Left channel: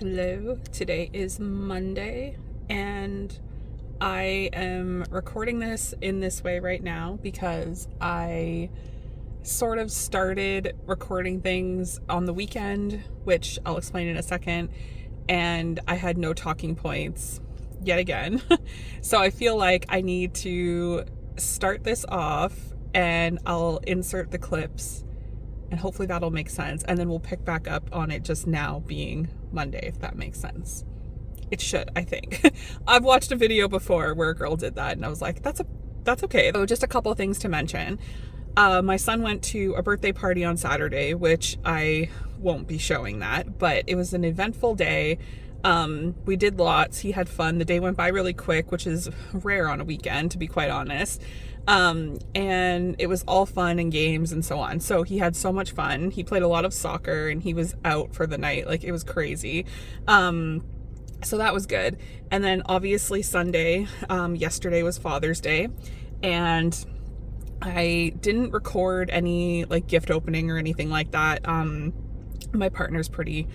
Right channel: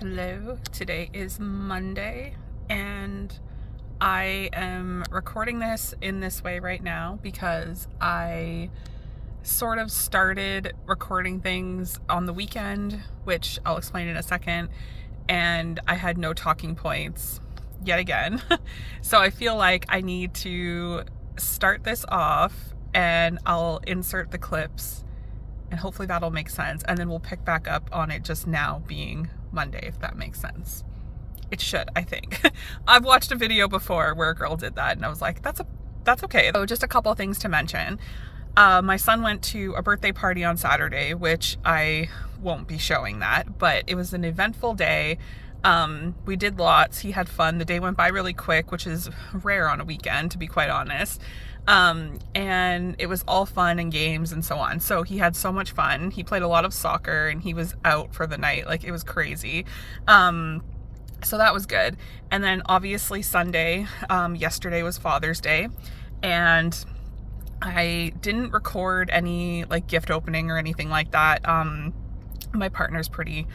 Hello, today is Monday and I am recording this in this way right now because I sort of started recording things on the weekend, which I'll explain in a second, and I had no talking points yet again. So I feel like I need to start this off and I'll insert the clips and hopefully that'll make sense, and then we'll pick back up on it just now being Monday, if that makes sense. It should, I think. I've watched a video before where a girl did that and I was like, that's okay. So just a couple of things to mention. My son went to a birthday party on Saturday, which I won't be showing that, but it was an eventful day. We did lots. He had fun. The day went by really quick, which is rare on a weekend, to be quite honest. And it was all fun and games and so on. So he had so much fun. He played a lot of soccer and he was out for the night. Like, it was crazy. So that was good. And then obviously Sunday, yesterday was Father's Day, and I didn't record any like gift opening or anything like that. My partner's pretty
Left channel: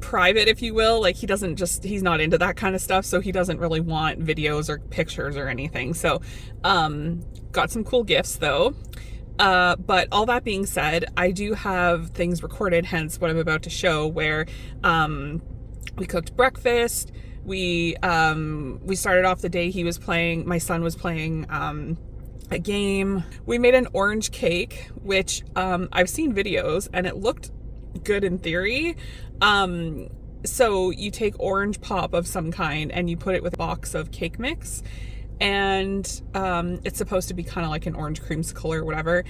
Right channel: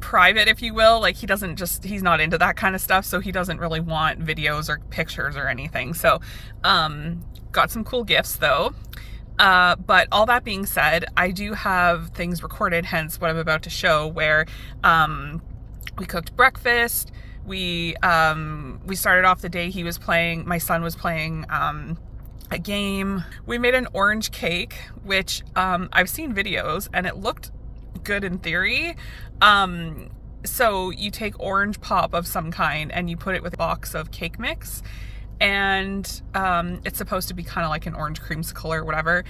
private, if you will. Like, he's not into that kind of stuff, so he doesn't really want videos or pictures or anything. So got some cool gifts though. But all that being said, I do have things recorded, hence what I'm about to show, where we cooked breakfast. We started off the day my son was playing a game. We made an orange cake, which I've seen videos and it looked good in theory. So you take orange pop of some kind and you put it with a box of cake mix, and it's supposed to be kind of like an orange creamsicle or whatever.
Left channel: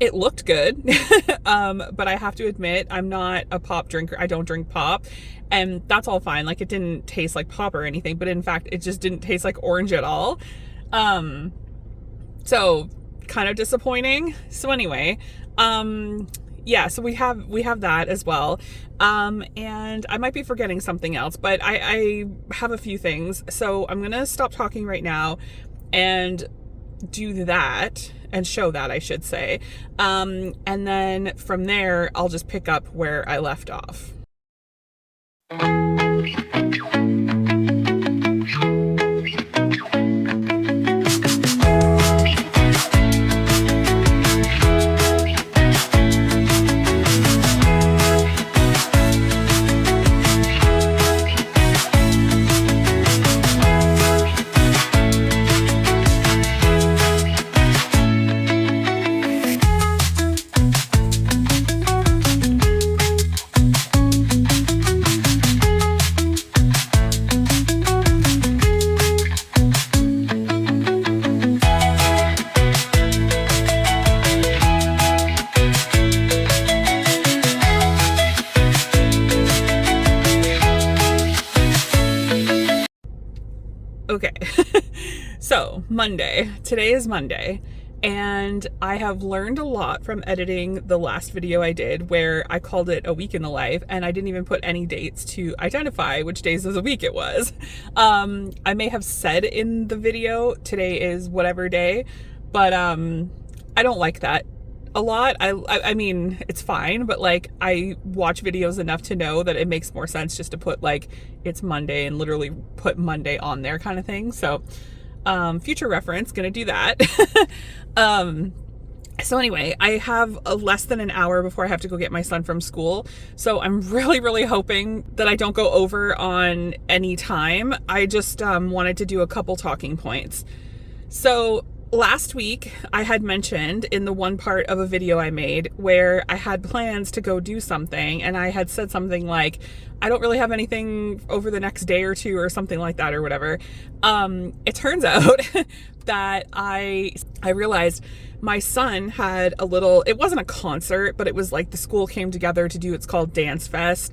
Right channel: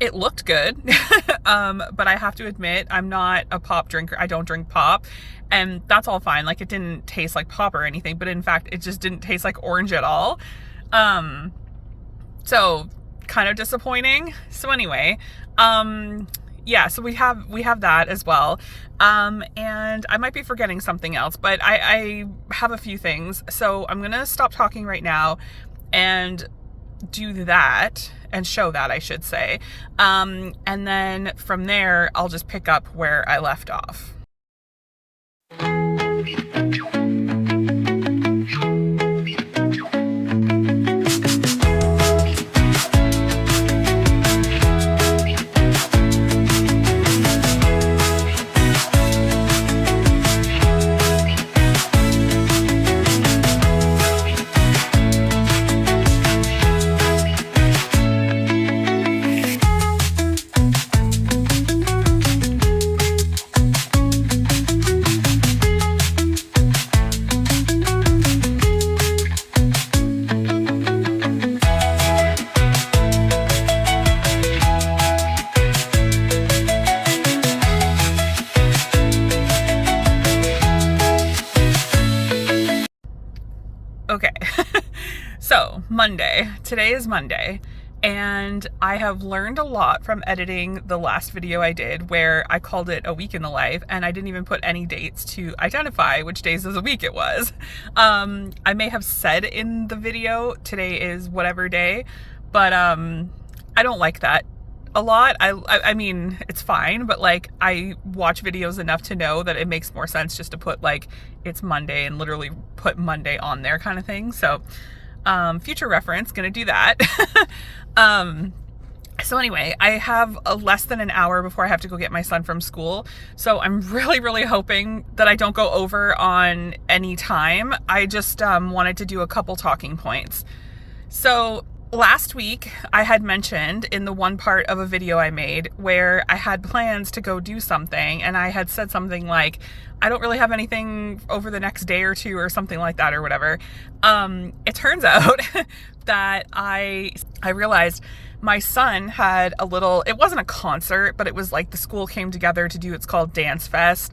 It looked good. But I have to admit, I'm not a pop drinker. I don't drink pop, and that's all fine. Like, it didn't taste like pop or anything, but in fact it just didn't taste like orange at all. So kind of disappointing. So anyway, yeah, so we have that as well. And I might be forgetting something else, but I have a few things. So I'm gonna stop talking right now and do that and show that, I should say. And then from there, I'll just pick up where I left off. Okay, so Monday. Today is Monday, and I have learned a lot from editing the last video I did where I called it a week in the life, and I didn't even put any dates to identify which days of the week it was. I may have said in the video today is whatever day, but I don't like that a lot. I mean, it's fine, but like, I watch videos enough to know that it makes more sense just to put like it's Monday and literally put Monday on there kind of thing. So future reference, gonna do that. So anyway, I have less than an hour before I have to go get my son from school. So I'm really hoping that I don't go over on any time. I just wanted to do a couple talking points. So last week, I had mentioned in the one part of a video I made where I had plans to go do something, and I had said something like, I don't really have anything over the next day or two or something like that or whatever. It turns out that I realized my son had it wasn't a concert, but it was like the school came together to do, it's called Dance Fest,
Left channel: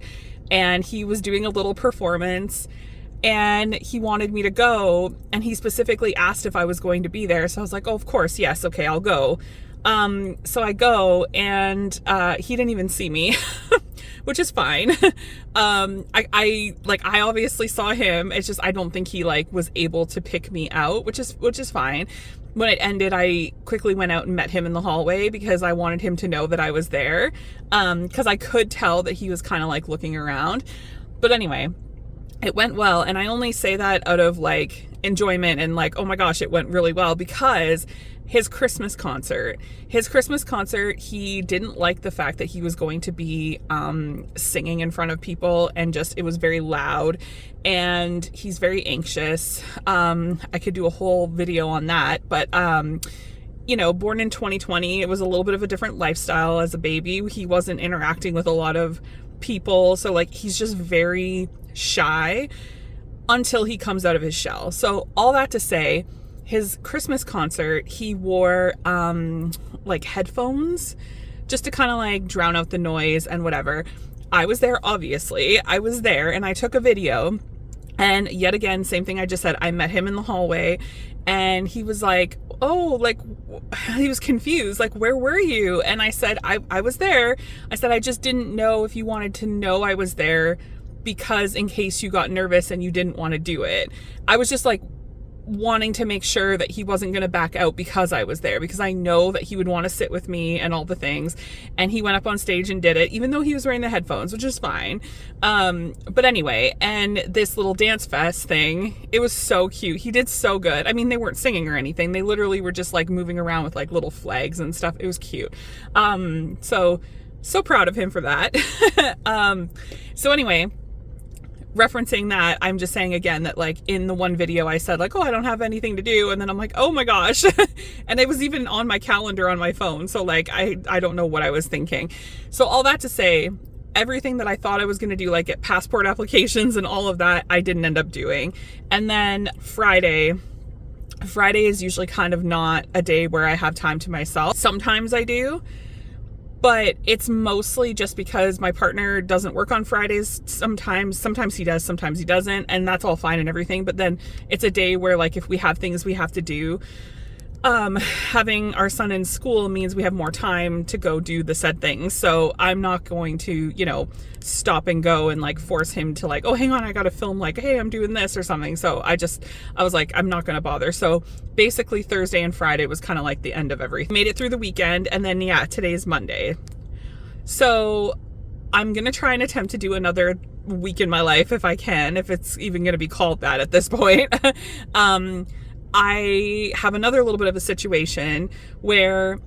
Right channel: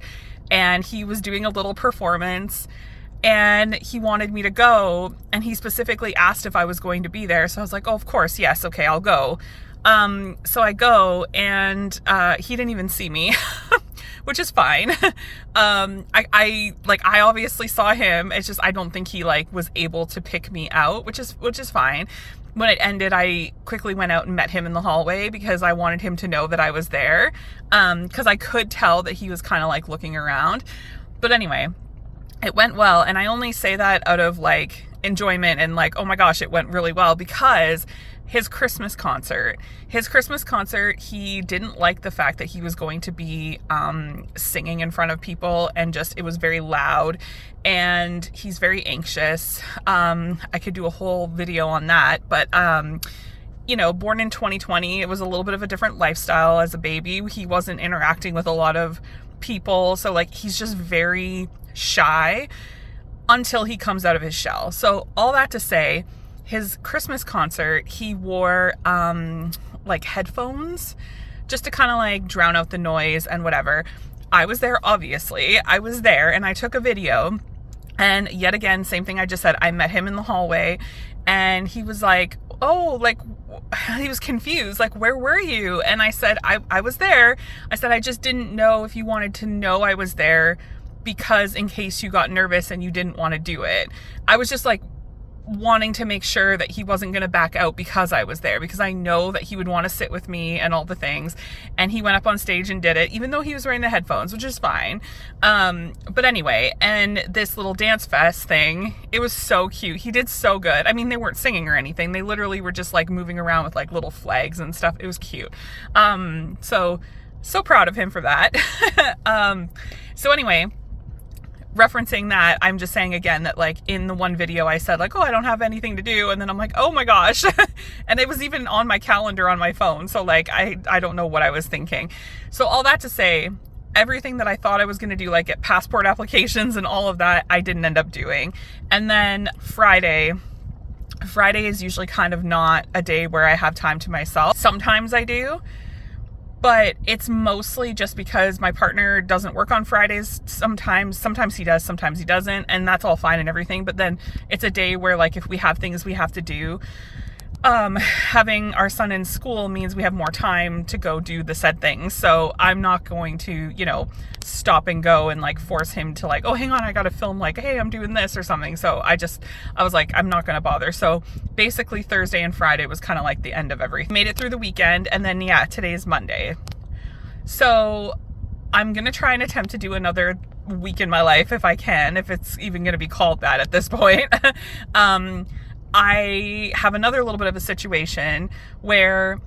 and he was doing a little performance. And he wanted me to go, and he specifically asked if I was going to be there. So I was like, oh, of course, yes, okay, I'll go. So I go, and he didn't even see me, which is fine. I obviously saw him. It's just I don't think he like was able to pick me out, which is fine. When it ended, I quickly went out and met him in the hallway because I wanted him to know that I was there, because I could tell that he was kind of like looking around. But anyway, it went well, and I only say that out of like enjoyment and like, oh my gosh, it went really well, because his Christmas concert, he didn't like the fact that he was going to be singing in front of people, and just it was very loud, and he's very anxious. I could do a whole video on that, but you know, born in 2020, it was a little bit of a different lifestyle as a baby. He wasn't interacting with a lot of people, so like he's just very shy until he comes out of his shell. So all that to say, his Christmas concert, he wore like headphones just to kind of like drown out the noise and whatever. I was there, obviously. I was there and I took a video, and yet again, same thing I just said. I met him in the hallway and he was like, oh, like, he was confused, like, where were you? And I said, I was there. I said, I just didn't know if you wanted to know I was there, because in case you got nervous and you didn't want to do it. I was just like wanting to make sure that he wasn't going to back out because I was there, because I know that he would want to sit with me and all the things. And he went up on stage and did it, even though he was wearing the headphones, which is fine. But anyway, and this little dance fest thing, it was so cute. He did so good. I mean, they weren't singing or anything. They literally were just like moving around with like little flags and stuff. It was cute. So proud of him for that. So anyway, referencing that, I'm just saying again that like in the one video I said like, oh, I don't have anything to do, and then I'm like, oh my gosh. And it was even on my calendar on my phone, so like I don't know what I was thinking. So all that to say, everything that I thought I was going to do, like get passport applications and all of that, I didn't end up doing. And then Friday is usually kind of not a day where I have time to myself. Sometimes I do, but it's mostly just because my partner doesn't work on Fridays. Sometimes he does, sometimes he doesn't, and that's all fine and everything. But then it's a day where like if we have things we have to do, having our son in school means we have more time to go do the said things. So I'm not going to, you know, stop and go and like force him to like, oh, hang on, I gotta film, like, hey, I'm doing this or something. So I was like, I'm not gonna bother. So basically Thursday and Friday was kind of like the end of everything. Made it through the weekend, and then yeah, today's Monday. So I'm gonna try and attempt to do another week in my life if I can, if it's even gonna be called that at this point. I have another little bit of a situation where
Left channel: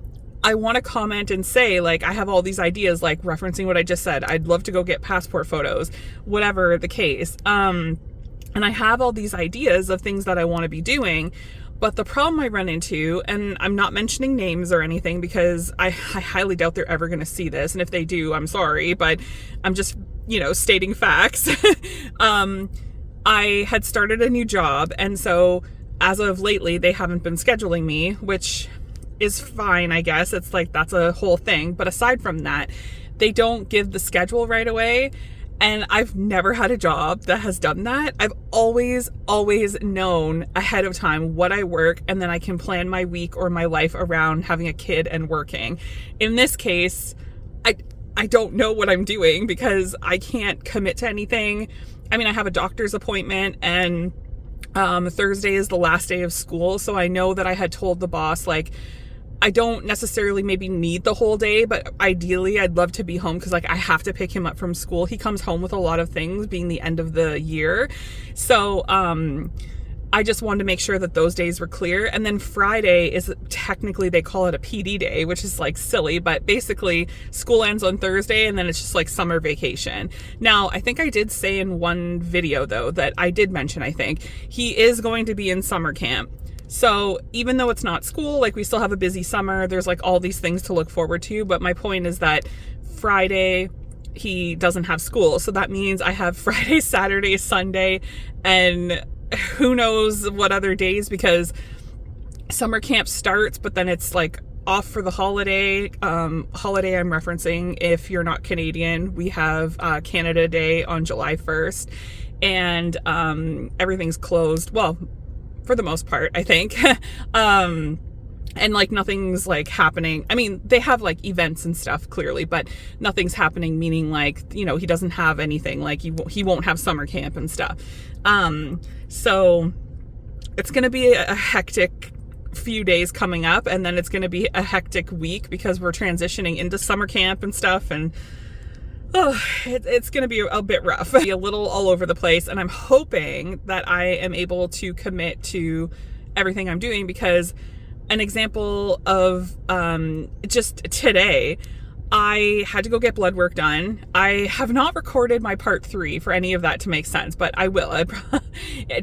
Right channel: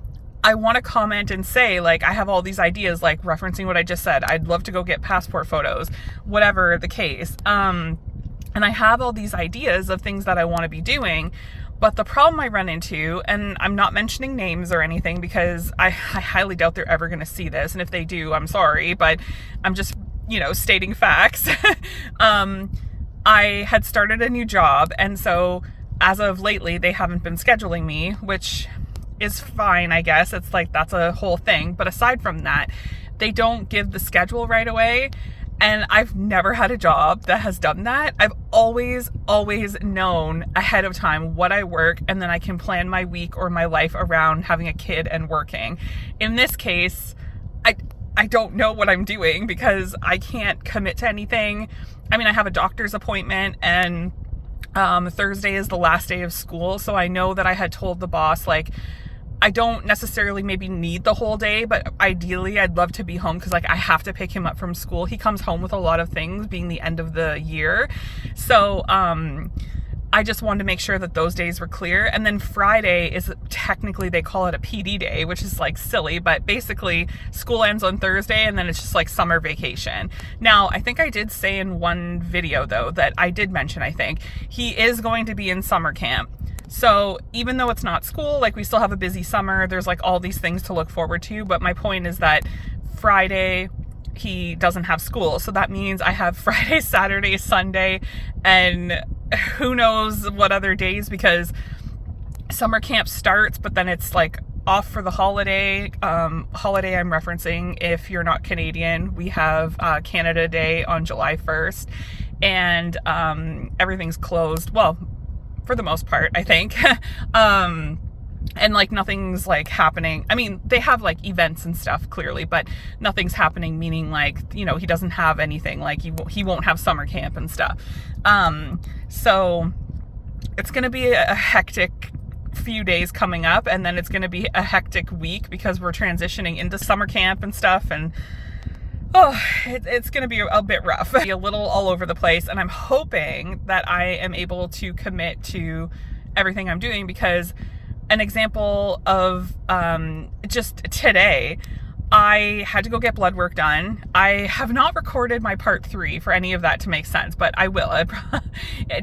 I want to comment and say, like, I have all these ideas, like referencing what I just said. I'd love to go get passport photos, whatever the case. And I have all these ideas of things that I want to be doing. But the problem I run into, and I'm not mentioning names or anything because I highly doubt they're ever going to see this. And if they do, I'm sorry, but I'm just, you know, stating facts. I had started a new job, and so as of lately, they haven't been scheduling me, which is fine, I guess. It's like, that's a whole thing. But aside from that, they don't give the schedule right away. And I've never had a job that has done that. I've always known ahead of time what I work, and then I can plan my week or my life around having a kid and working. In this case, I don't know what I'm doing because I can't commit to anything. I mean, I have a doctor's appointment, and Thursday is the last day of school. So I know that I had told the boss, like, I don't necessarily maybe need the whole day, but ideally I'd love to be home because like I have to pick him up from school. He comes home with a lot of things, being the end of the year. So I just wanted to make sure that those days were clear. And then Friday is technically, they call it a PD day, which is like silly, but basically school ends on Thursday and then it's just like summer vacation. Now, I think I did say in one video though, that I did mention, I think, he is going to be in summer camp. So even though it's not school, like we still have a busy summer, there's like all these things to look forward to. But my point is that Friday, he doesn't have school. So that means I have Friday, Saturday, Sunday, and who knows what other days, because summer camp starts, but then it's like off for the holiday. Holiday I'm referencing, if you're not Canadian, we have Canada Day on July 1st, and everything's closed. Well, for the most part, I think. and like nothing's like happening. I mean, they have like events and stuff clearly, but nothing's happening, meaning like, you know, he doesn't have anything, like he won't have summer camp and stuff. So it's going to be a hectic few days coming up, and then it's going to be a hectic week because we're transitioning into summer camp and stuff, and it's going to be a bit rough, be a little all over the place. And I'm hoping that I am able to commit to everything I'm doing, because an example of just today, I had to go get blood work done. I have not recorded my part 3 for any of that to make sense, but I will.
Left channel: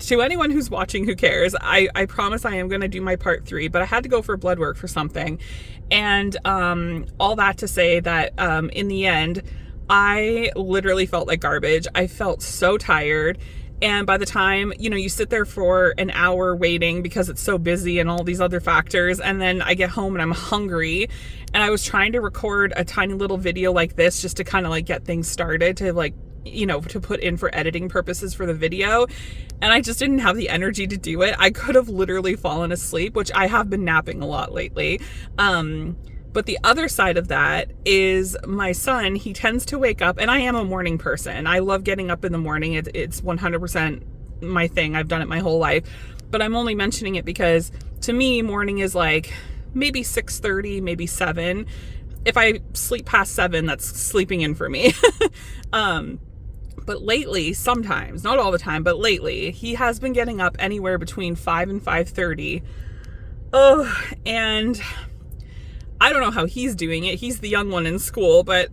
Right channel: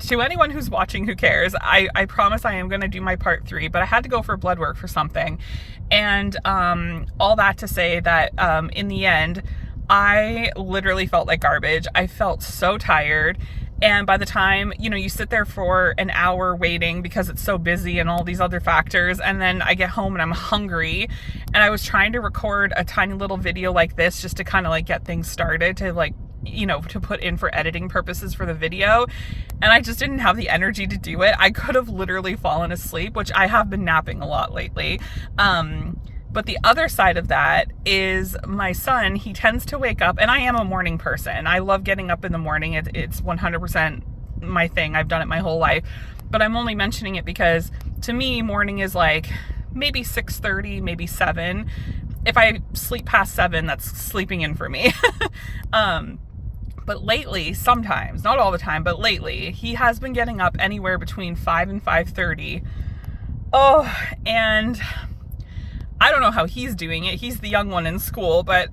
To anyone who's watching, who cares, I promise I am going to do my part 3, but I had to go for blood work for something. And all that to say that in the end, I literally felt like garbage. I felt so tired. And by the time, you know, you sit there for an hour waiting because it's so busy and all these other factors, and then I get home and I'm hungry, and I was trying to record a tiny little video like this just to kind of like get things started, to like, you know, to put in for editing purposes for the video, and I just didn't have the energy to do it. I could have literally fallen asleep, which I have been napping a lot lately. But the other side of that is my son. He tends to wake up, and I am a morning person. I love getting up in the morning. It's 100% my thing. I've done it my whole life. But I'm only mentioning it because to me, morning is like maybe 6:30, maybe 7. If I sleep past 7, that's sleeping in for me. But lately, sometimes, not all the time, but lately, he has been getting up anywhere between 5 and 5:30. Oh, and I don't know how he's doing it. He's the young one in school, but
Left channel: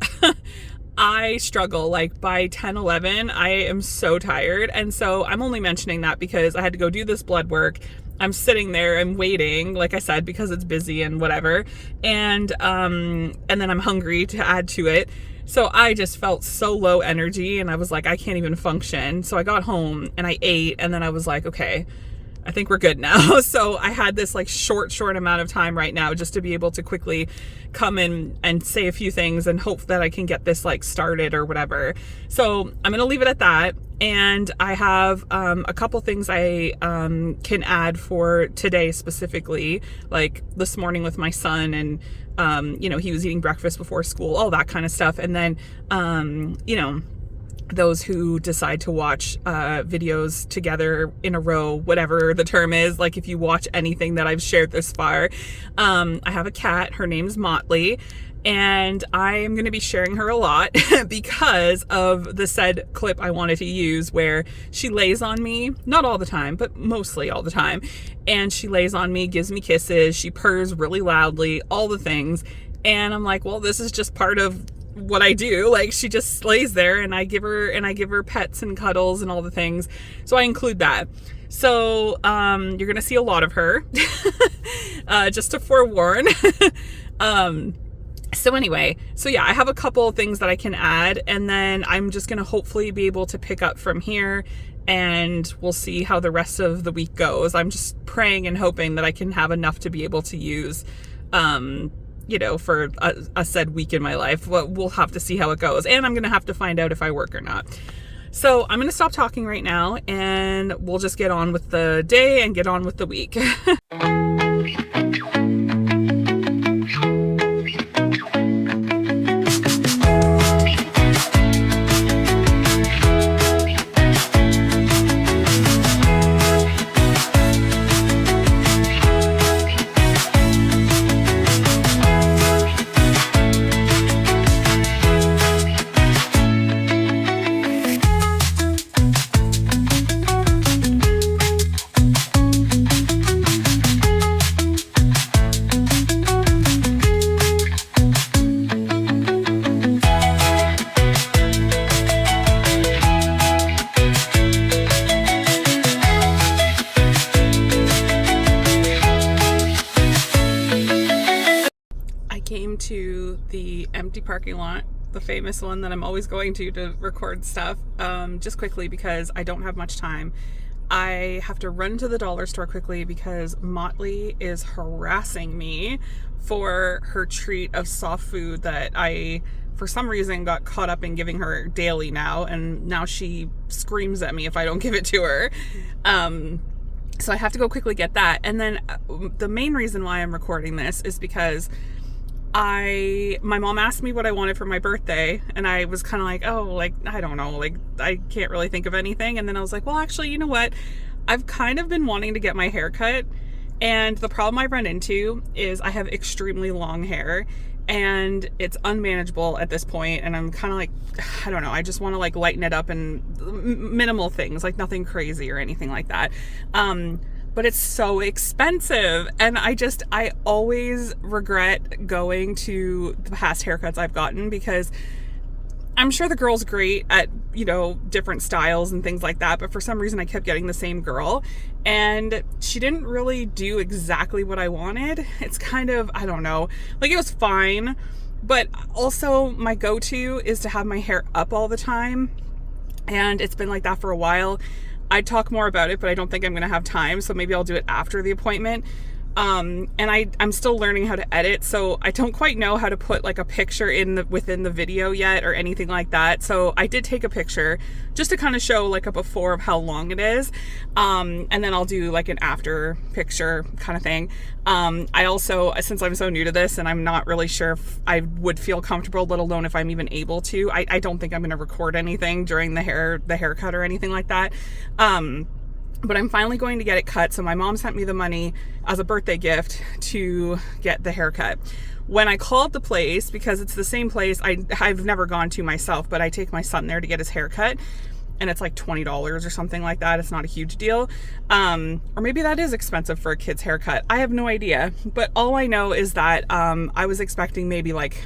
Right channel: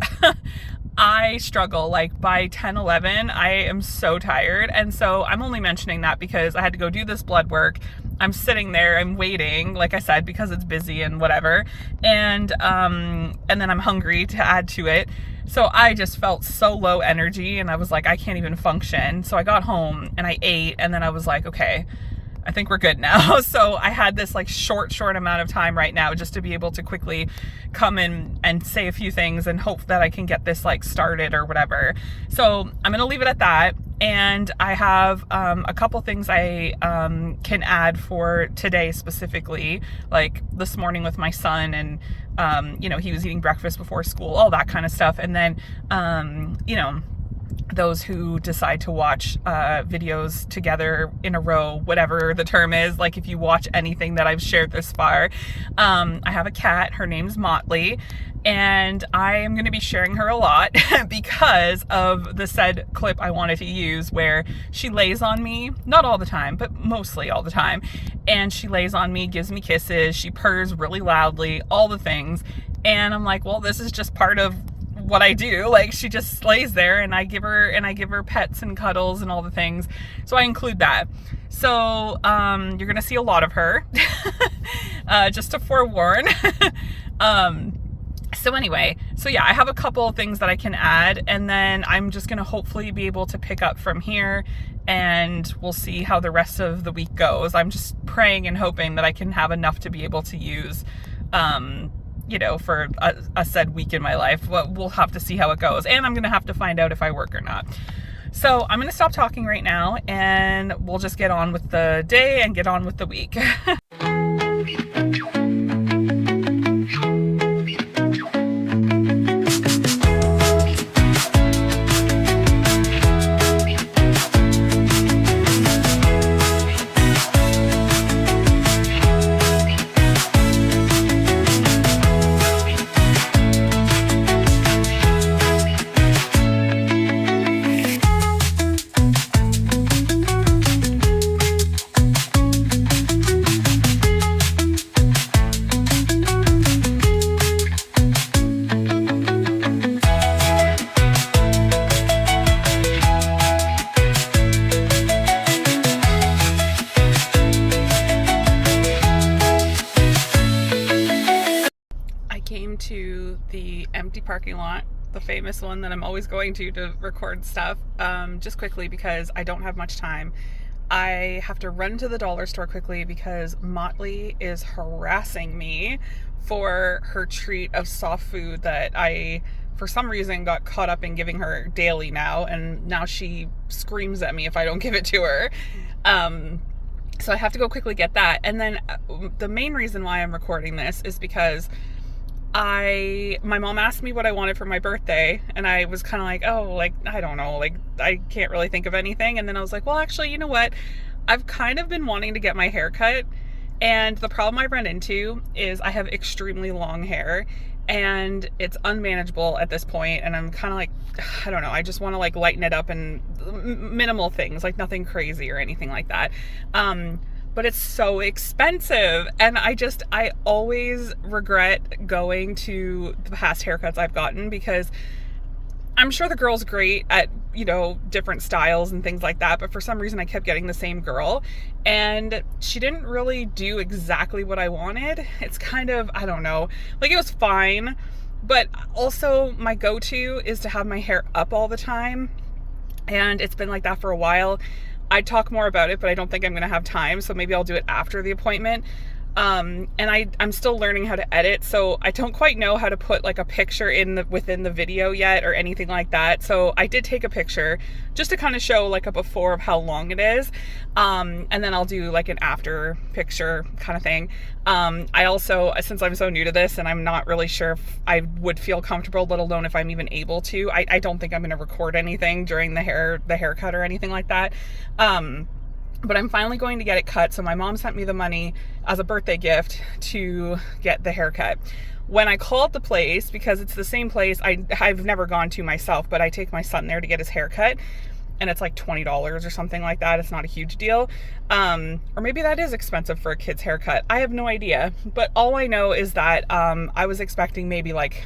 I struggle. Like by 10, 11, I am so tired. And so I'm only mentioning that because I had to go do this blood work. I'm sitting there, I'm waiting, like I said, because it's busy and whatever. And then I'm hungry to add to it. So I just felt so low energy, and I was like, I can't even function. So I got home and I ate, and then I was like, okay, I think we're good now. So I had this like short amount of time right now just to be able to quickly come in and say a few things and hope that I can get this like started or whatever. So I'm going to leave it at that. And I have a couple things I can add for today specifically, like this morning with my son, and you know, he was eating breakfast before school, all that kind of stuff. And then, you know, those who decide to watch videos together in a row, whatever the term is, like if you watch anything that I've shared this far. I have a cat, her name's Motley, and I am going to be sharing her a lot because of the said clip I wanted to use where she lays on me, not all the time, but mostly all the time, and she lays on me, gives me kisses, she purrs really loudly, all the things. And I'm like, well, this is just part of what I do. Like, she just lays there, and I give her pets and cuddles and all the things. So I include that. So you're gonna see a lot of her, just to forewarn. So anyway, so yeah, I have a couple of things that I can add, and then I'm just gonna hopefully be able to pick up from here, and we'll see how the rest of the week goes. I'm just praying and hoping that I can have enough to be able to use, you know, for a said week in my life. We'll have to see how it goes, and I'm gonna have to find out if I work or not. So I'm gonna stop talking right now, and we'll just get on with the day and get on with the week. To the empty parking lot, the famous one that I'm always going to record stuff, just quickly because I don't have much time. I have to run to the dollar store quickly because Motley is harassing me for her treat of soft food that I, for some reason, got caught up in giving her daily now, and now she screams at me if I don't give it to her. So I have to go quickly get that. And then the main reason why I'm recording this is because my mom asked me what I wanted for my birthday, and I was kind of like, oh, like, I don't know, like, I can't really think of anything. And then I was like, well, actually, you know what? I've kind of been wanting to get my hair cut, and the problem I run into is I have extremely long hair, and it's unmanageable at this point, and I'm kind of like, I don't know, I just want to like lighten it up and minimal things, like nothing crazy or anything like that. But it's so expensive, and I always regret going to the past haircuts I've gotten, because I'm sure the girl's great at, you know, different styles and things like that, but for some reason I kept getting the same girl, and she didn't really do exactly what I wanted. It's kind of, I don't know, like, it was fine, but also my go-to is to have my hair up all the time, and it's been like that for a while. I'd talk more about it, but I don't think I'm going to have time, so maybe I'll do it after the appointment. And I'm still learning how to edit, so I don't quite know how to put like a picture within the video yet or anything like that. So I did take a picture just to kind of show like a before of how long it is, and then I'll do like an after picture kind of thing. I also, since I'm so new to this and I'm not really sure if I would feel comfortable, let alone if I'm even able to, I don't think I'm going to record anything during the haircut or anything like that. But I'm finally going to get it cut. So my mom sent me the money as a birthday gift to get the haircut. When I called the place, because it's the same place I've never gone to myself, but I take my son there to get his haircut, and it's like $20 or something like that. It's not a huge deal. Or maybe that is expensive for a kid's haircut. I have no idea. But all I know is that I was expecting maybe like,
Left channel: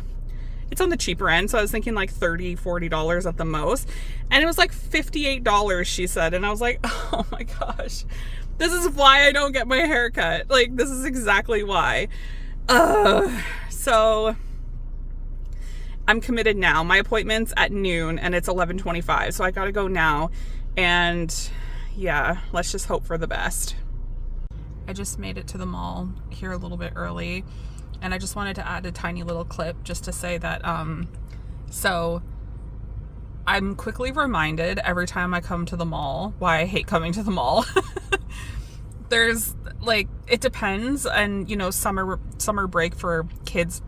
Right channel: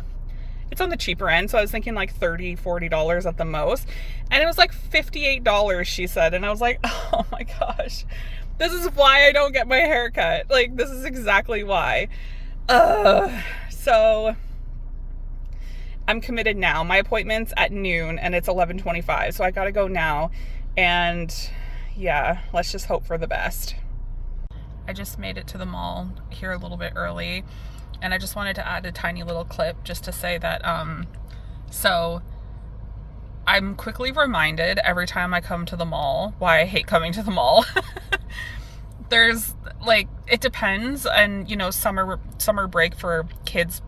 it's on the cheaper end, so I was thinking like $30, $40 at the most, and it was like $58, she said, and I was like, oh my gosh, this is why I don't get my hair cut. Like, this is exactly why. So I'm committed now. My appointment's at noon, and it's 11:25, so I gotta go now, and yeah, let's just hope for the best. I just made it to the mall here a little bit early, and I just wanted to add a tiny little clip just to say that, so I'm quickly reminded every time I come to the mall why I hate coming to the mall. There's like, it depends, and you know, summer break for kids'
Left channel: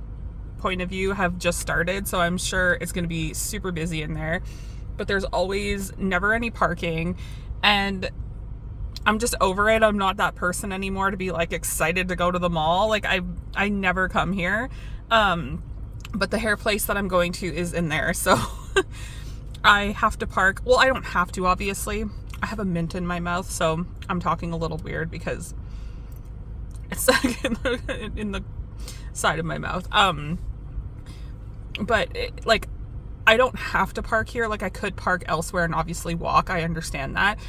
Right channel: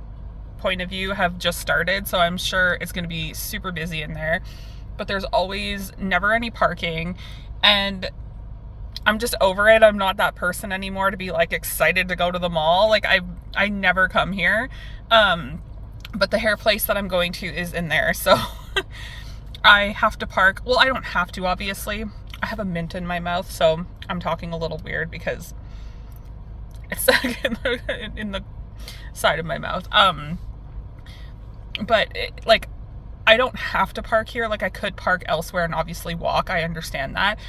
point of view have just started, so I'm sure it's going to be super busy in there, but there's always never any parking, and I'm just over it. I'm not that person anymore to be like excited to go to the mall. Like, I never come here. But the hair place that I'm going to is in there. So I have to park. Well, I don't have to, obviously. I have a mint in my mouth, so I'm talking a little weird because it's in the side of my mouth. But like, I don't have to park here. Like, I could park elsewhere and obviously walk. I understand that.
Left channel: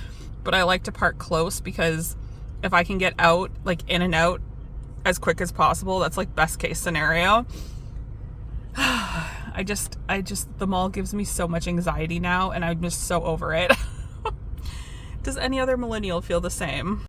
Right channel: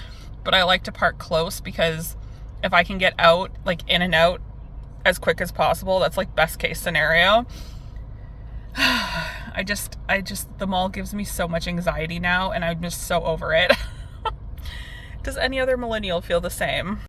But I like to park close, because if I can get out, like in and out as quick as possible, that's like best case scenario. The mall gives me so much anxiety now, and I'm just so over it. Does any other millennial feel the same?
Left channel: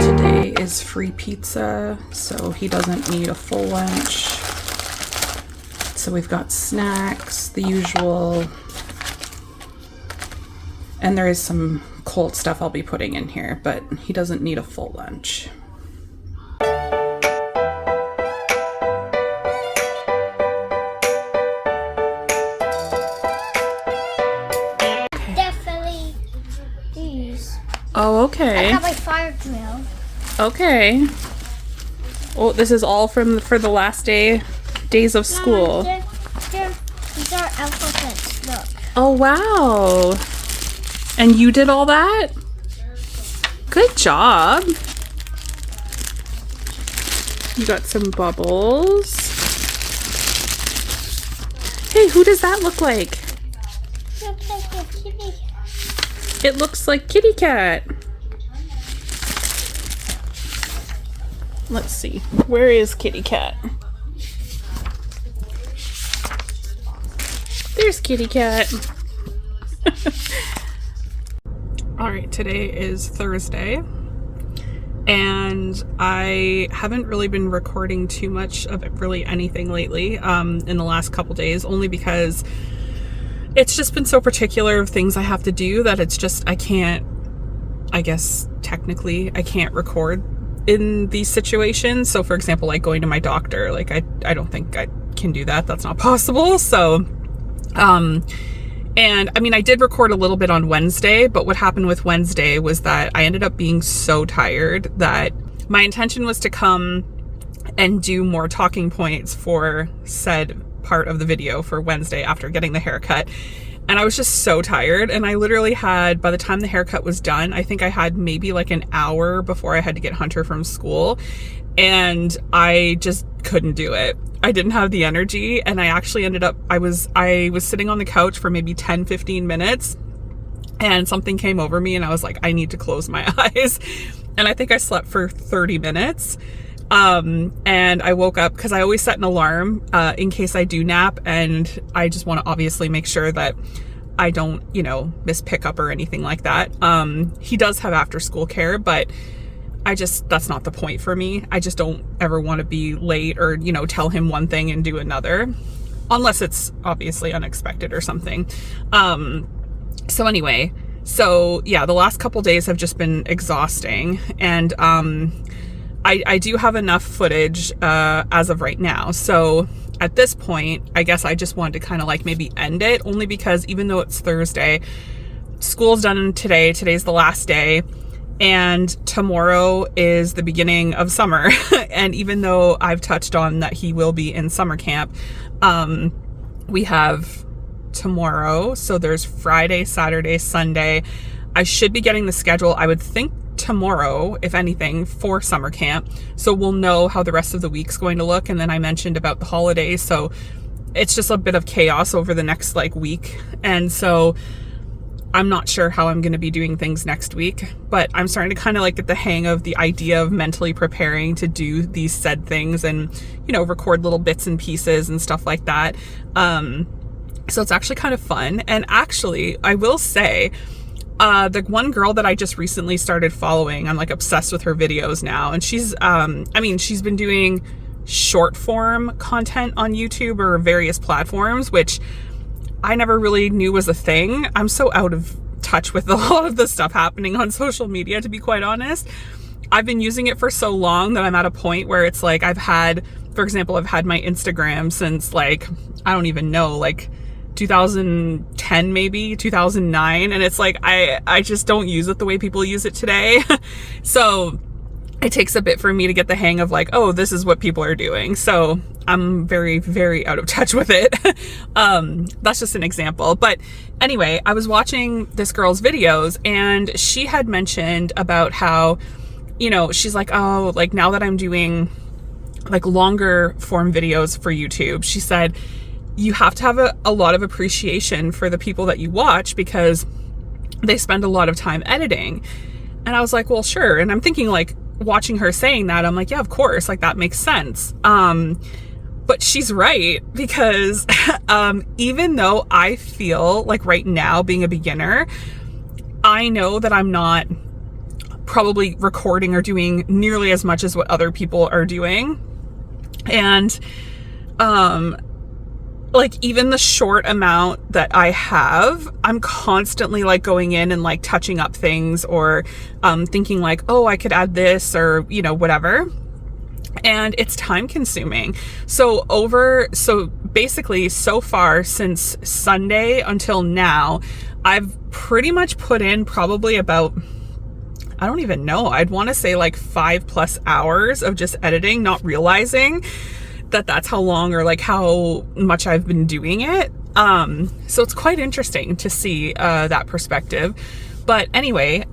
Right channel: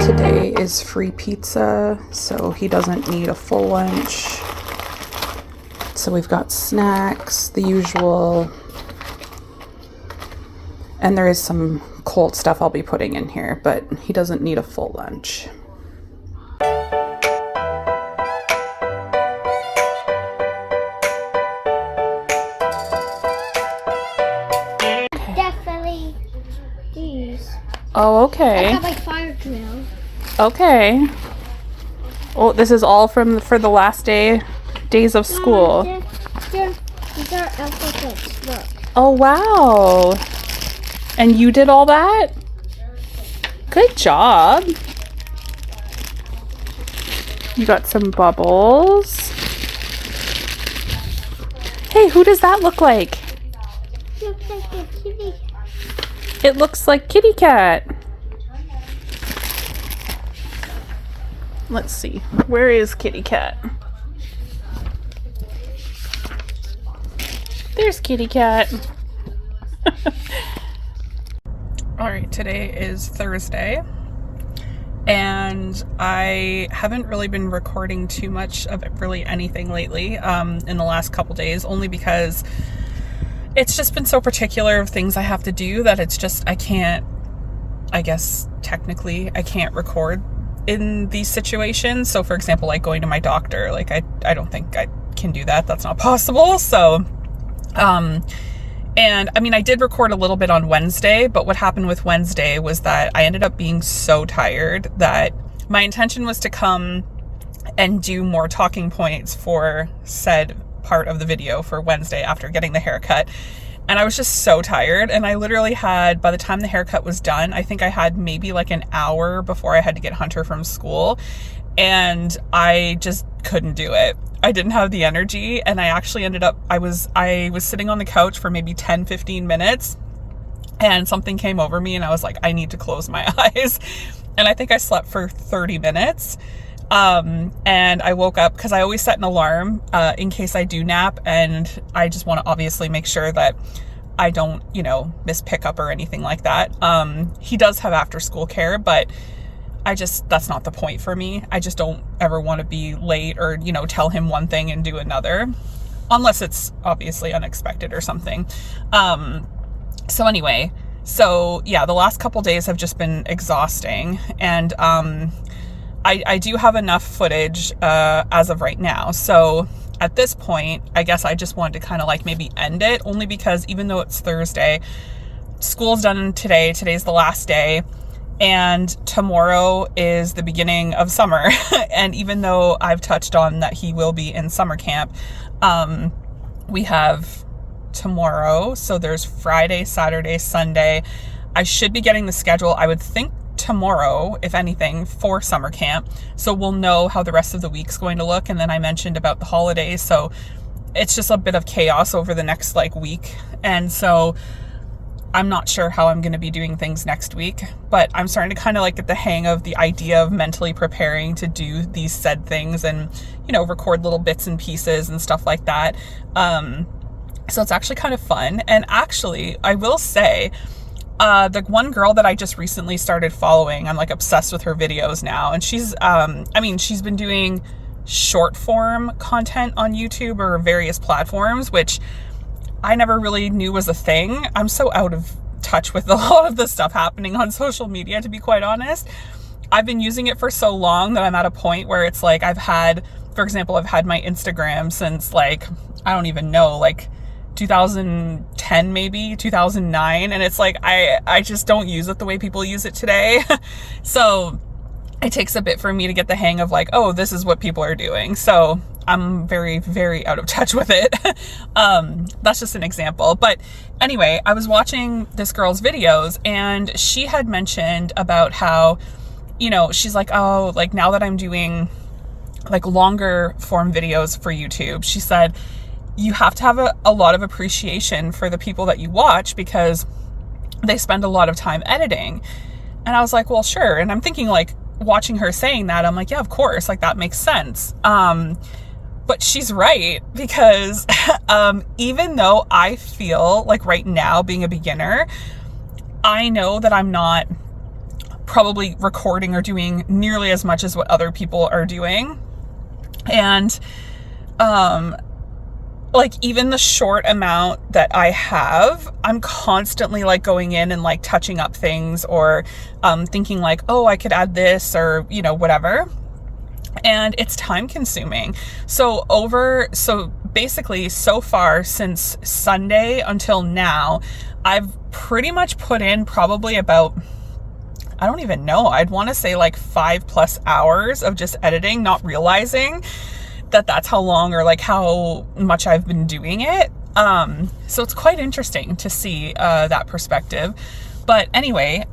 Today is free pizza, so he doesn't need a full lunch. So we've got snacks, the usual, and there is some cold stuff I'll be putting in here, but he doesn't need a full lunch. Definitely these. Oh, okay. I have a fire drill. Okay. Oh, this is all for the last days of school. These are alphabets. Look. Oh, wow. And you did all that? Good job. You got some bubbles. Hey, who does that look like? Looks like a kitty. It looks like Kitty Cat. Let's see. Where is Kitty Cat? There's Kitty Cat. All right, today is Thursday, and and I haven't really been recording too much of really anything lately in the last couple days, only because it's just been so particular of things I have to do that it's just, I can't, I guess technically I can't record in these situations. So for example, like going to my doctor, like I don't think I can do that. That's not possible. So, and I mean, I did record a little bit on Wednesday, but what happened with Wednesday was that I ended up being so tired that my intention was to come and do more talking points for said part of the video for Wednesday after getting the haircut. And I was just so tired. And I literally had, by the time the haircut was done, I think I had maybe like an hour before I had to get Hunter from school. And I just couldn't do it. I didn't have the energy, and I actually ended up, I was sitting on the couch for maybe 10-15 minutes, and something came over me and I was like, I need to close my eyes. And I think I slept for 30 minutes. And I woke up because I always set an alarm in case I do nap, and I just want to obviously make sure that I don't, you know, miss pickup or anything like that. He does have after school care, but that's not the point for me. I just don't ever want to be late or, you know, tell him one thing and do another, unless it's obviously unexpected or something. So anyway, so yeah, the last couple days have just been exhausting, and I do have enough footage as of right now. So at this point, I guess I just wanted to kind of like maybe end it, only because even though it's Thursday, school's done today. Today's the last day. And tomorrow is the beginning of summer. And even though I've touched on that he will be in summer camp, we have tomorrow. So there's Friday, Saturday, Sunday. I should be getting the schedule, I would think tomorrow, if anything, for summer camp. So we'll know how the rest of the week's going to look. And then I mentioned about the holidays. So it's just a bit of chaos over the next like week. And so I'm not sure how I'm going to be doing things next week, but I'm starting to kind of like get the hang of the idea of mentally preparing to do these said things and, you know, record little bits and pieces and stuff like that. So it's actually kind of fun. And actually, I will say, the one girl that I just recently started following, I'm like obsessed with her videos now. And she's, I mean, she's been doing short form content on YouTube or various platforms, which I never really knew was a thing. I'm so out of touch with a lot of the stuff happening on social media, to be quite honest. I've been using it for so long that I'm at a point where it's like I've had, for example, I've had my Instagram since like, I don't even know, like 2010, maybe 2009. And it's like, I just don't use it the way people use it today. So it takes a bit for me to get the hang of like, oh, this is what people are doing. So I'm very, very out of touch with it. That's just an example. But anyway, I was watching this girl's videos, and she had mentioned about how, you know, she's like, oh, like now that I'm doing like longer form videos for YouTube, she said, you have to have a lot of appreciation for the people that you watch because they spend a lot of time editing. And I was like, well, sure. And I'm thinking like, watching her saying that, I'm like, yeah, of course, like that makes sense. But she's right, because even though I feel like right now being a beginner, I know that I'm not probably recording or doing nearly as much as what other people are doing. And like even the short amount that I have, I'm constantly like going in and like touching up things or thinking like, oh, I could add this or, you know, whatever. And it's time consuming. So basically so far since Sunday until now, I've pretty much put in probably about, I don't even know, I'd want to say like 5+ hours of just editing, not realizing that that's how long or like how much I've been doing it. So it's quite interesting to see that perspective. But anyway,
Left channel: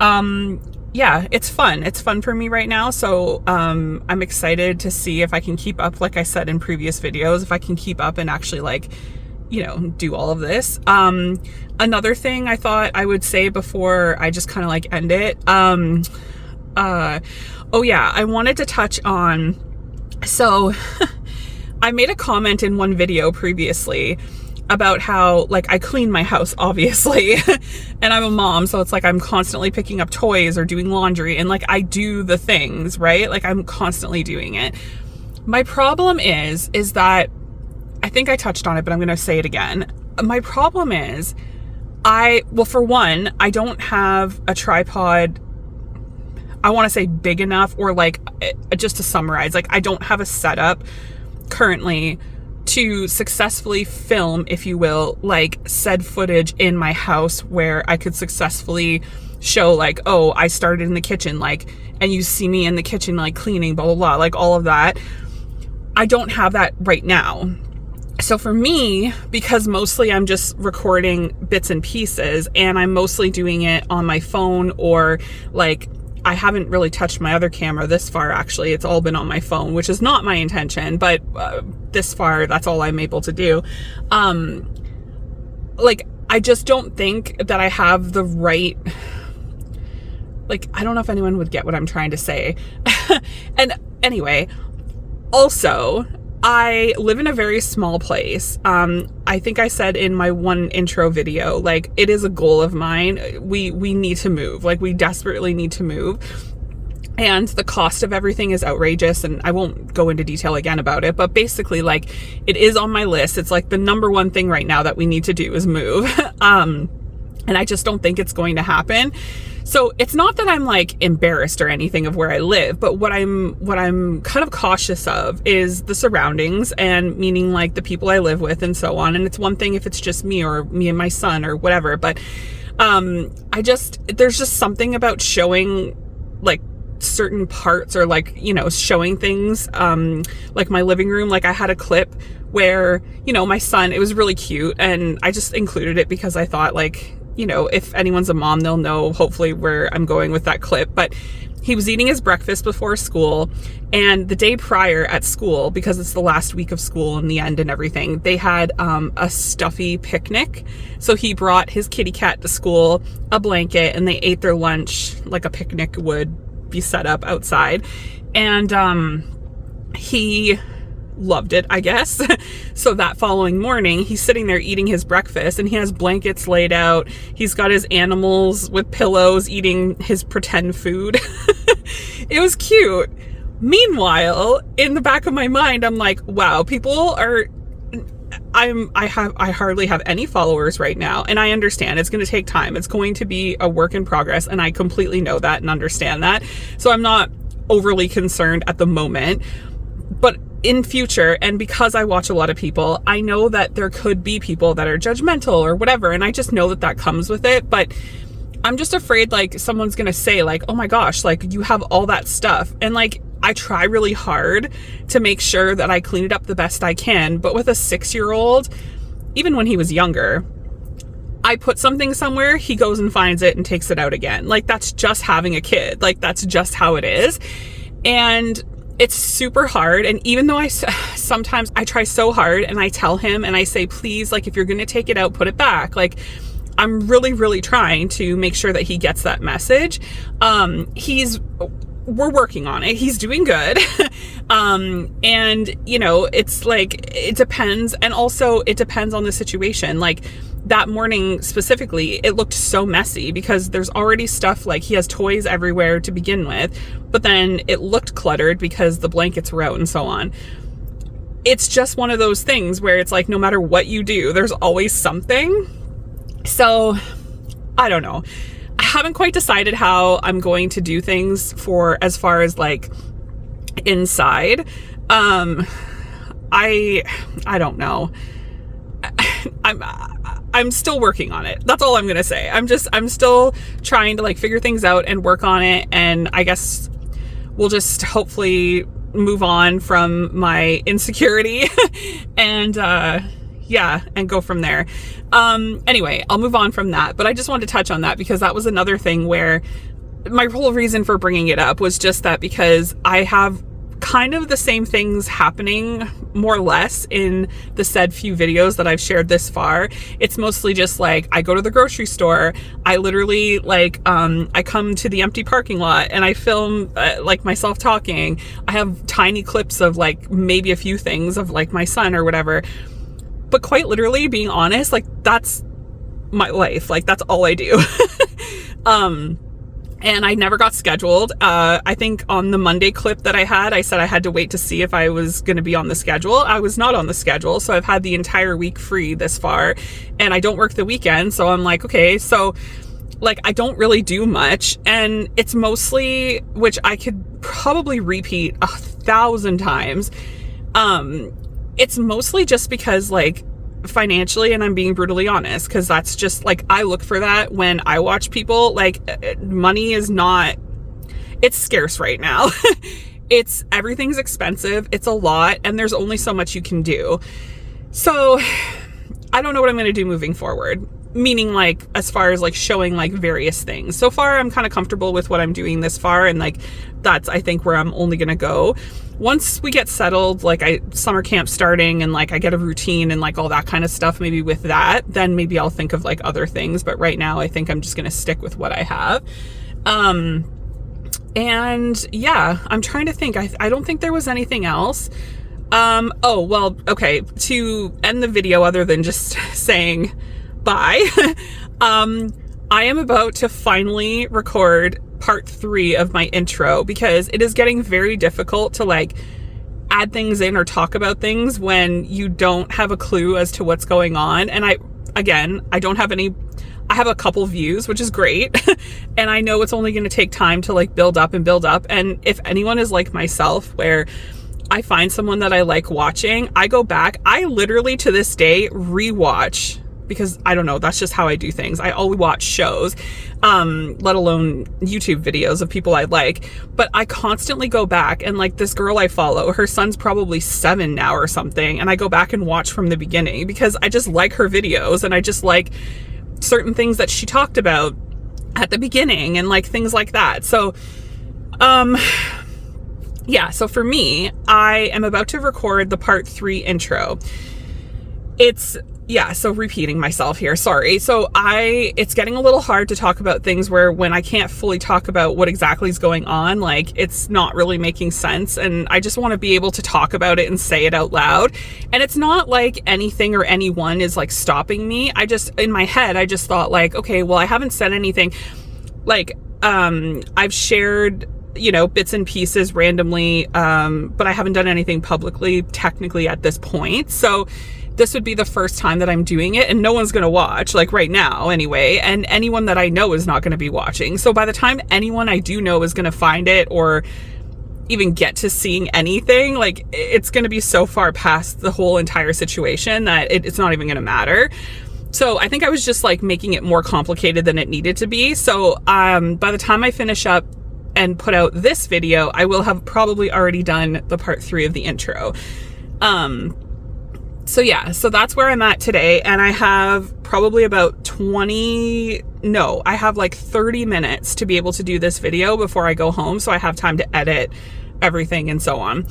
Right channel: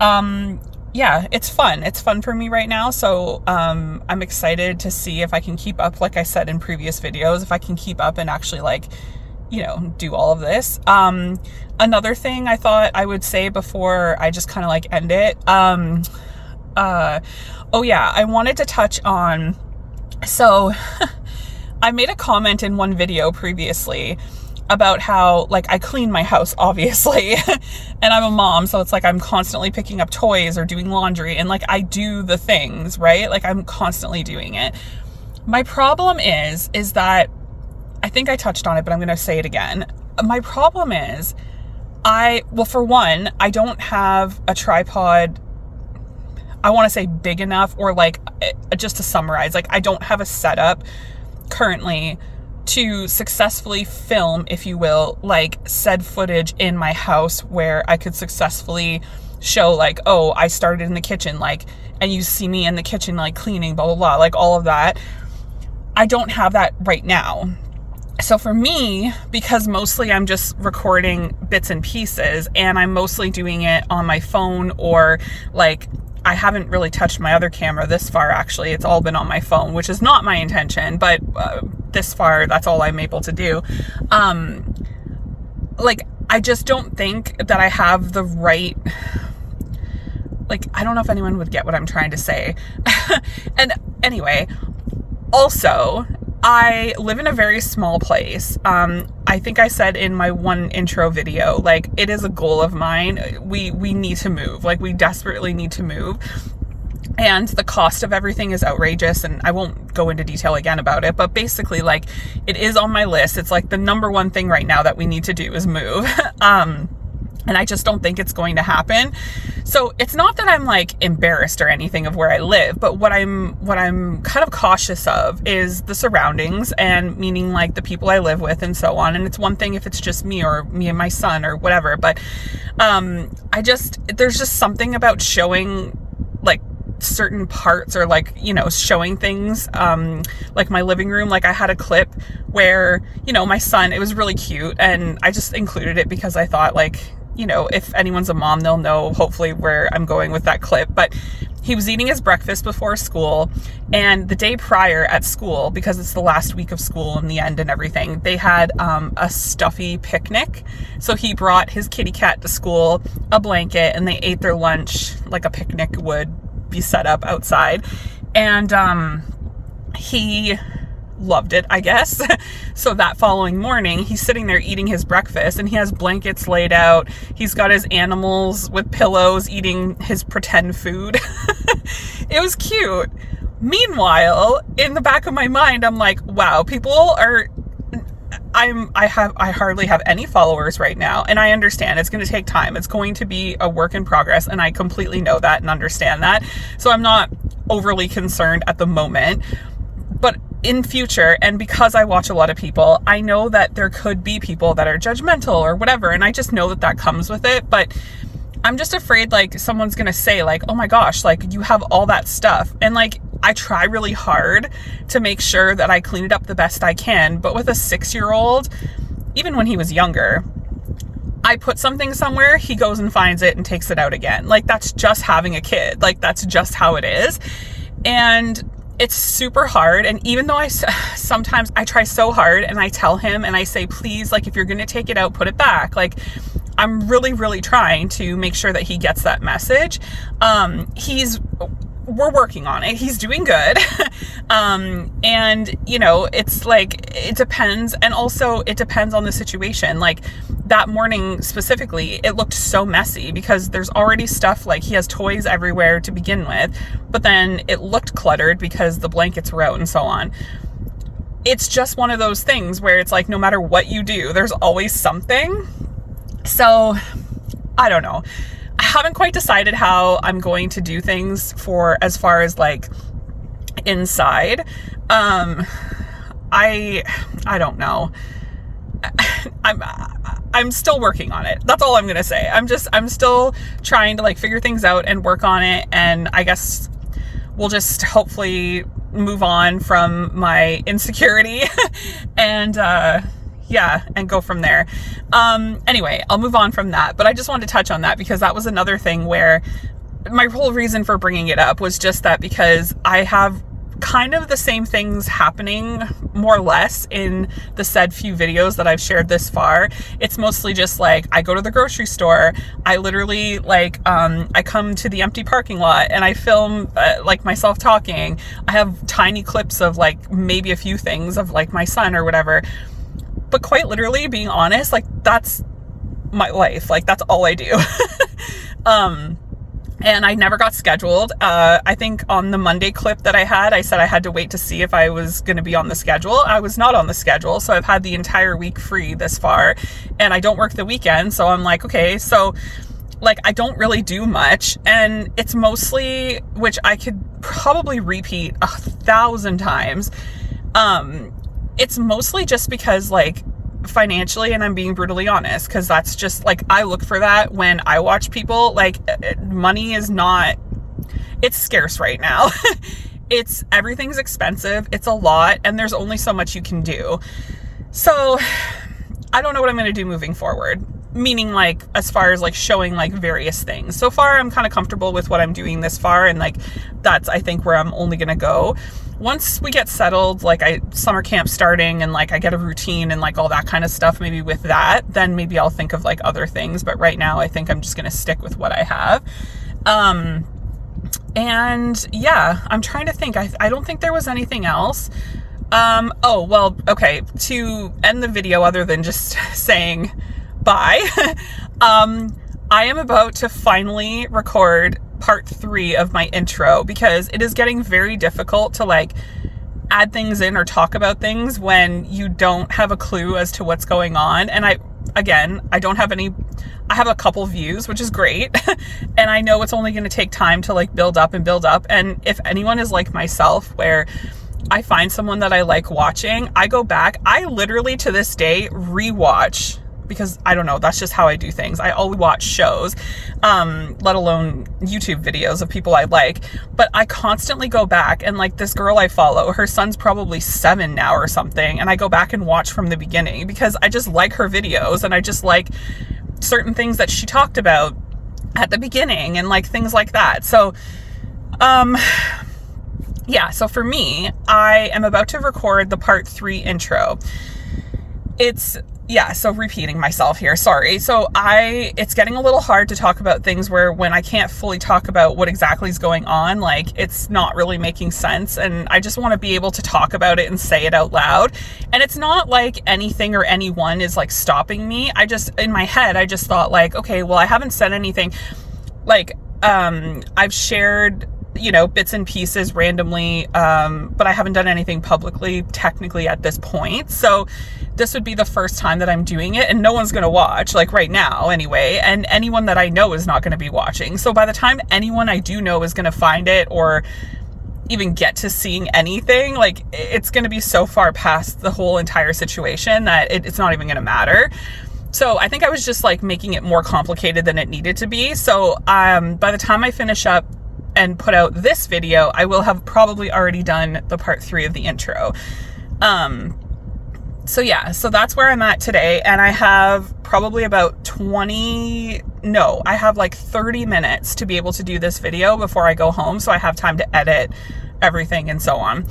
yeah, it's fun. It's fun for me right now. So I'm excited to see if I can keep up, like I said in previous videos, if I can keep up and actually like, you know, do all of this. Another thing I thought I would say before I just kind of like end it. Oh yeah, I wanted to touch on, so I made a comment in one video previously about how like I clean my house, obviously, and I'm a mom, so it's like I'm constantly picking up toys or doing laundry, and like I do the things, right? Like I'm constantly doing it. My problem is that I think I touched on it, but I'm going to say it again. My problem is well, for one, I don't have a tripod, I want to say big enough, or like, just to summarize, like I don't have a setup currently to successfully film, if you will, like said footage in my house where I could successfully show like, oh, I started in the kitchen, like, and you see me in the kitchen, like cleaning, blah, blah, blah, like all of that. I don't have that right now. So for me, because mostly I'm just recording bits and pieces, and I'm mostly doing it on my phone, or like, I haven't really touched my other camera this far, actually. It's all been on my phone, which is not my intention, but this far, that's all I'm able to do. Like, I just don't think that I have the right, like, I don't know if anyone would get what I'm trying to say. And anyway, also, I live in a very small place. I think I said in my one intro video, like, it is a goal of mine. We need to move. Like, we desperately need to move. And the cost of everything is outrageous, and I won't go into detail again about it, but basically, like, it is on my list. It's like the number one thing right now that we need to do is move. And I just don't think it's going to happen. So it's not that I'm like embarrassed or anything of where I live, but what I'm kind of cautious of is the surroundings, and meaning like the people I live with and so on. And it's one thing if it's just me or me and my son or whatever, but there's just something about showing like certain parts, or like, you know, showing things, like my living room. Like I had a clip where, you know, my son, it was really cute, and I just included it because I thought, like, you know, if anyone's a mom, they'll know hopefully where I'm going with that clip. But he was eating his breakfast before school, and the day prior at school, because it's the last week of school in the end and everything, they had a stuffy picnic. So he brought his kitty cat to school, a blanket, and they ate their lunch like a picnic would be set up outside. And he loved it, I guess. So that following morning, he's sitting there eating his breakfast, and he has blankets laid out. He's got his animals with pillows eating his pretend food. It was cute. Meanwhile, in the back of my mind, I'm like, wow, people are, I hardly have any followers right now. And I understand it's going to take time. It's going to be a work in progress. And I completely know that and understand that. So I'm not overly concerned at the moment. But in future, and because I watch a lot of people, I know that there could be people that are judgmental or whatever, and I just know that comes with it. But I'm just afraid, like, someone's gonna say, like, oh my gosh, like, you have all that stuff. And like, I try really hard to make sure that I clean it up the best I can, but with a 6-year-old, even when he was younger, I put something somewhere, he goes and finds it and takes it out again. Like, that's just having a kid. Like, that's just how it is. And it's super hard. And even though sometimes I try so hard, and I tell him and I say, please, like, if you're going to take it out, put it back. Like, I'm really, really trying to make sure that he gets that message. We're working on it. He's doing good. And you know, it's like, it depends. And also it depends on the situation. Like that morning specifically, it looked so messy because there's already stuff, like he has toys everywhere to begin with, but then it looked cluttered because the blankets were out and so on. It's just one of those things where it's like, no matter what you do, there's always something. So I don't know. I haven't quite decided how I'm going to do things for as far as like inside. I don't know. I'm still working on it. That's all I'm gonna say. I'm still trying to like figure things out and work on it, and I guess we'll just hopefully move on from my insecurity and yeah, and go from there. Anyway, I'll move on from that, but I just wanted to touch on that because that was another thing where my whole reason for bringing it up was just that because I have kind of the same things happening more or less in the said few videos that I've shared this far. It's mostly just like, I go to the grocery store, I literally like, I come to the empty parking lot and I film like myself talking. I have tiny clips of like maybe a few things of like my son or whatever. but quite literally, being honest, like that's my life. Like that's all I do. And I never got scheduled. I think on the Monday clip that I had, I said I had to wait to see if I was going to be on the schedule. I was not on the schedule. So I've had the entire week free this far, and I don't work the weekend. So I'm like, okay, so like I don't really do much, and it's mostly, which I could probably repeat 1,000 times. It's mostly just because like financially, and I'm being brutally honest, because that's just like, I look for that when I watch people. Like money is not, it's scarce right now. Everything's expensive, it's a lot, and there's only so much you can do. So I don't know what I'm going to do moving forward, meaning like as far as like showing like various things. So far I'm kind of comfortable with what I'm doing this far, and like that's, I think, where I'm only going to go. Once we get settled, like summer camp starting, and like I get a routine and like all that kind of stuff, maybe with that, then maybe I'll think of like other things. But right now I think I'm just going to stick with what I have. And yeah, I'm trying to think. I don't think there was anything else. Oh, well, okay. To end the video, other than just saying bye, I am about to finally record part 3 of my intro, because it is getting very difficult to like add things in or talk about things when you don't have a clue as to what's going on. And I don't have any, I have a couple views, which is great. And I know it's only going to take time to like build up and build up. And if anyone is like myself, where I find someone that I like watching, I go back, I literally to this day rewatch, because I don't know, that's just how I do things. I always watch shows, let alone YouTube videos of people I like, but I constantly go back, and like this girl I follow, her son's probably 7 now or something, and I go back and watch from the beginning because I just like her videos, and I just like certain things that she talked about at the beginning and like things like that. So, yeah, so for me, I am about to record the part 3 intro. So repeating myself here, sorry. So it's getting a little hard to talk about things when I can't fully talk about what exactly is going on, like it's not really making sense, and I just want to be able to talk about it and say it out loud. And it's not like anything or anyone is like stopping me. In my head, I just thought like, okay, well, I haven't said anything. Like, I've shared, bits and pieces randomly, but I haven't done anything publicly technically at this point. So this would be the first time that I'm doing it, and no one's going to watch, like right now anyway, and anyone that I know is not going to be watching. So by the time anyone I do know is going to find it or even get to seeing anything, like it's going to be so far past the whole entire situation that it's not even going to matter. So I think I was just like making it more complicated than it needed to be. So by the time I finish up and put out this video, I will have probably already done the part 3 of the intro. So yeah, so that's where I'm at today, and I have probably about I have like 30 minutes to be able to do this video before I go home, so I have time to edit everything and so on.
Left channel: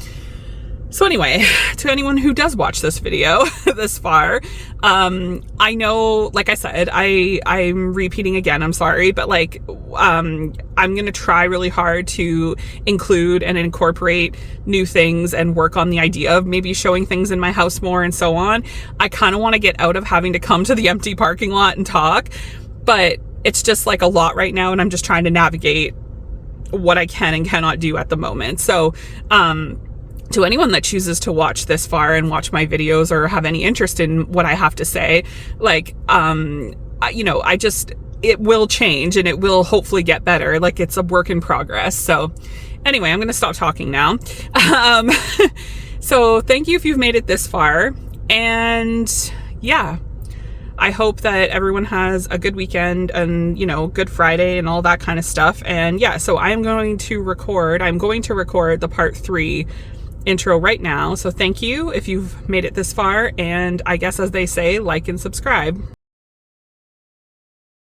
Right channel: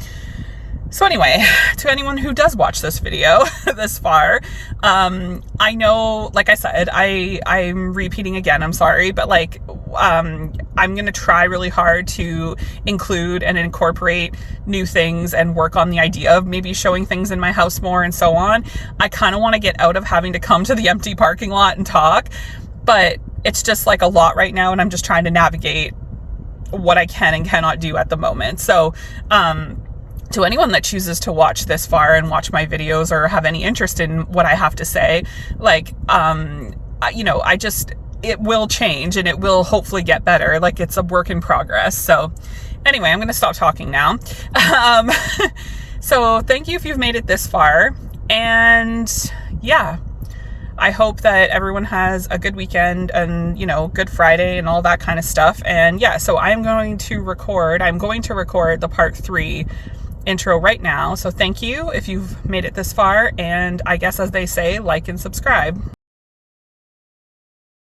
So anyway, to anyone who does watch this video this far, I know, like I said, I'm repeating again, I'm sorry, but like, I'm going to try really hard to include and incorporate new things and work on the idea of maybe showing things in my house more and so on. I kind of want to get out of having to come to the empty parking lot and talk, but it's just like a lot right now, and I'm just trying to navigate what I can and cannot do at the moment. So, to anyone that chooses to watch this far and watch my videos or have any interest in what I have to say, like, it will change, and it will hopefully get better. Like, it's a work in progress. So anyway, I'm going to stop talking now. So thank you if you've made it this far. And yeah, I hope that everyone has a good weekend and, Good Friday and all that kind of stuff. And yeah, so I'm going to record the part 3 intro right now. So thank you if you've made it this far, and I guess, as they say, like and subscribe.